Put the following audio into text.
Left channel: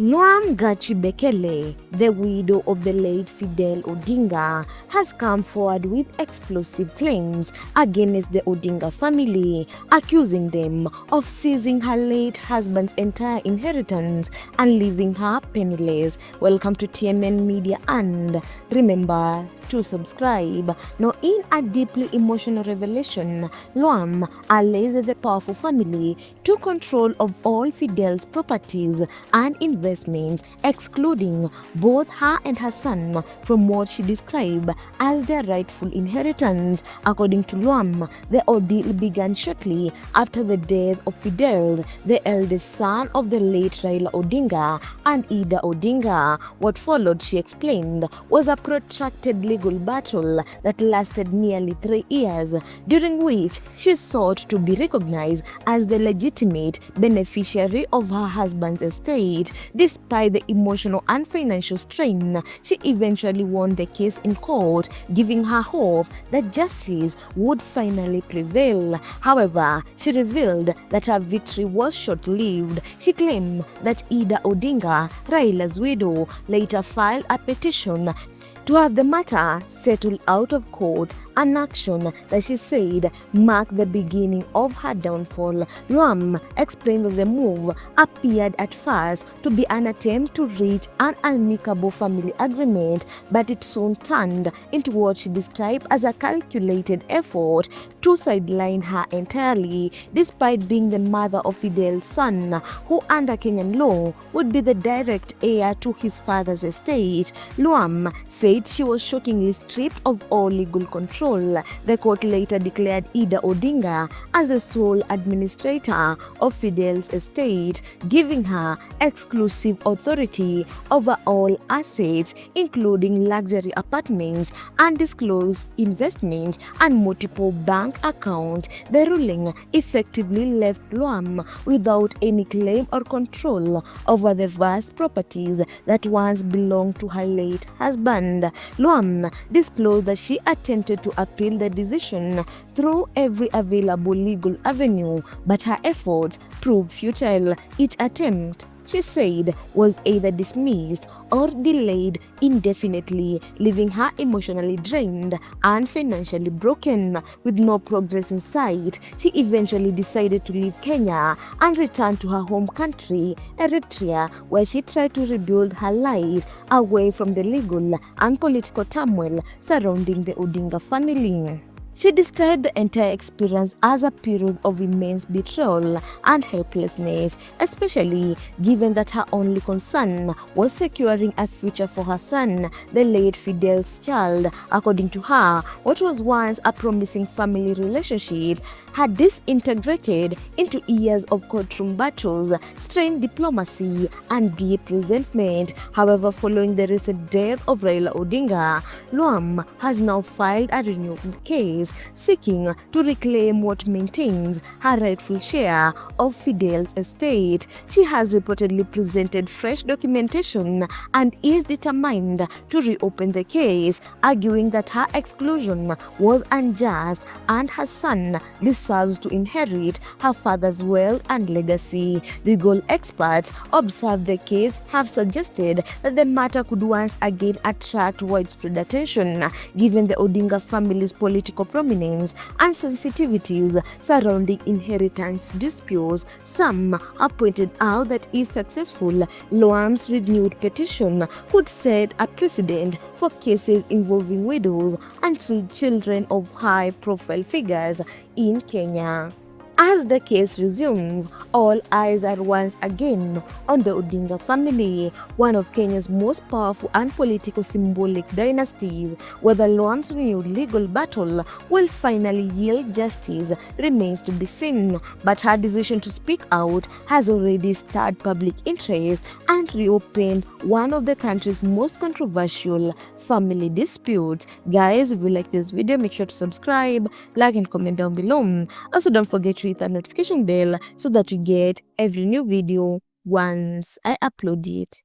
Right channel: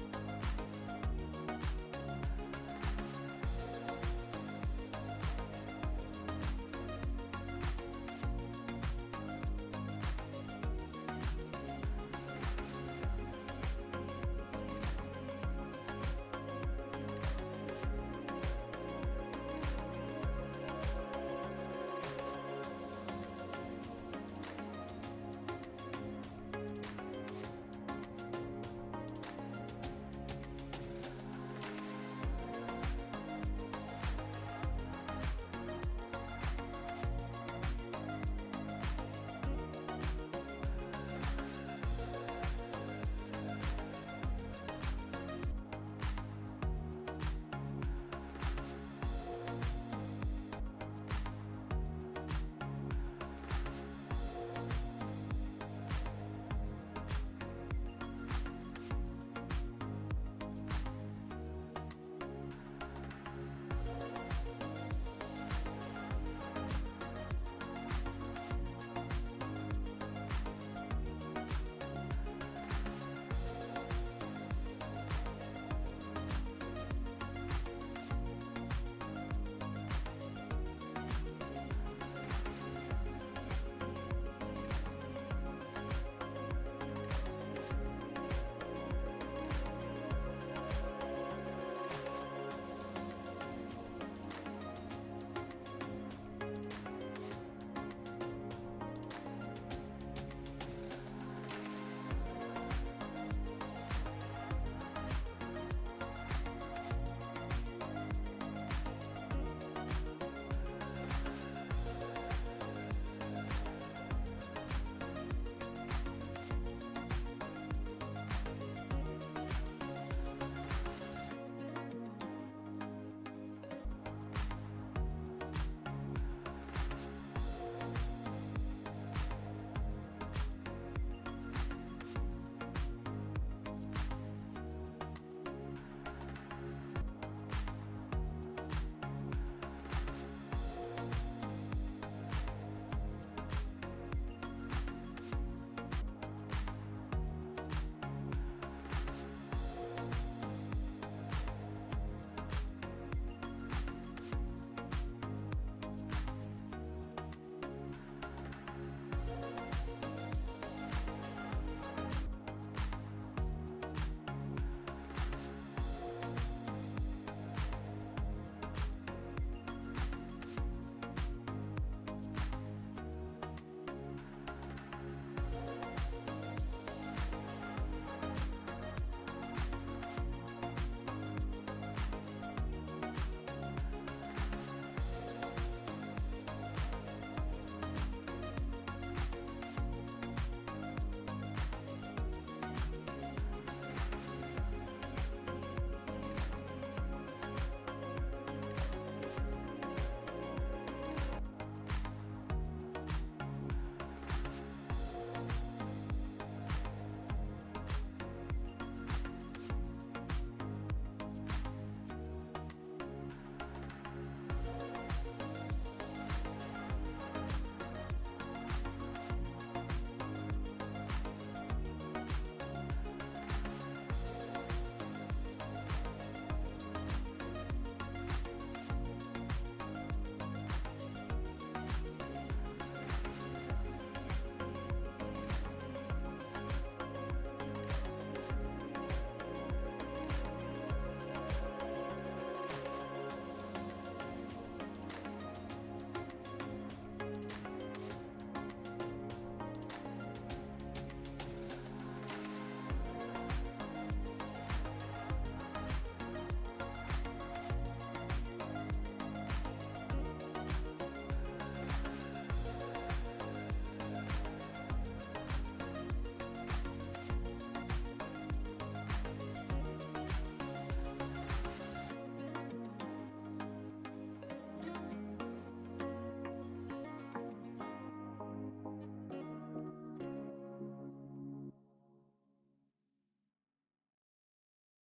Lwam Gatchew Bekele, the widow of the late Fidel Odinga, has come forward with explosive claims against the Odinga family, accusing them of seizing her late husband's entire inheritance and leaving her penniless. Welcome to TMN Media, and remember to subscribe. Now, in a deeply emotional revelation, Lwam alleged the powerful family took control of all Fidel's properties and investments, excluding both her and her son from what she described as their rightful inheritance. According to Lwam, the ordeal began shortly after the death of Fidel, the eldest son of the late Raila Odinga and Ida Odinga. What followed, she explained, was a protracted legal battle that lasted nearly 3 years, during which she sought to be recognized as the legitimate beneficiary of her husband's estate. Despite the emotional and financial strain, she eventually won the case in court, giving her hope that justice would finally prevail. However, she revealed that her victory was short-lived. She claimed that Ida Odinga, Raila's widow, later filed a petition to have the matter settled out of court, an action that she said marked the beginning of her downfall. Lwam explained that the move appeared at first to be an attempt to reach an amicable family agreement, but it soon turned into what she described as a calculated effort to sideline her entirely. Despite being the mother of Fidel's son, who under Kenyan law would be the direct heir to his father's estate, Lwam said she was shockingly stripped of all legal control. The court later declared Ida Odinga as the sole administrator of Fidel's estate, giving her exclusive authority over all assets, including luxury apartments, undisclosed investments, and multiple bank accounts. The ruling effectively left Lwam without any claim or control over the vast properties that once belonged to her late husband. Lwam disclosed that she attempted to appeal the decision through every available legal avenue, but her efforts proved futile. Each attempt, she said, was either dismissed or delayed indefinitely, leaving her emotionally drained and financially broken. With no progress in sight, she eventually decided to leave Kenya and return to her home country, Eritrea, where she tried to rebuild her life away from the legal and political turmoil surrounding the Odinga family. She described the entire experience as a period of immense betrayal and helplessness, especially given that her only concern was securing a future for her son, the late Fidel's child. According to her, what was once a promising family relationship had disintegrated into years of courtroom battles, strained diplomacy, and deep resentment. However, following the recent death of Raila Odinga, Lwam has now filed a renewed case seeking to reclaim what maintains her rightful share of Fidel's estate. She has reportedly presented fresh documentation and is determined to reopen the case, arguing that her exclusion was unjust and her son deserves to inherit her father's wealth and legacy. Legal experts observed the case have suggested that the matter could once again attract widespread attention, given the Odinga family's political prominence and sensitivities surrounding inheritance disputes. Some have pointed out that if successful, Lwam's renewed petition could set a precedent for cases involving widows and children of high-profile figures in Kenya. As the case resumes, all eyes are once again on the Odinga family, one of Kenya's most powerful and political symbolic dynasties. Whether Lwam's renewed legal battle will finally yield justice remains to be seen, but her decision to speak out has already stirred public interest and reopened one of the country's most controversial family disputes. Guys, if you like this video, make sure to subscribe, like, and comment down below. Also, don't forget to hit the notification bell so that you get every new video once I upload it.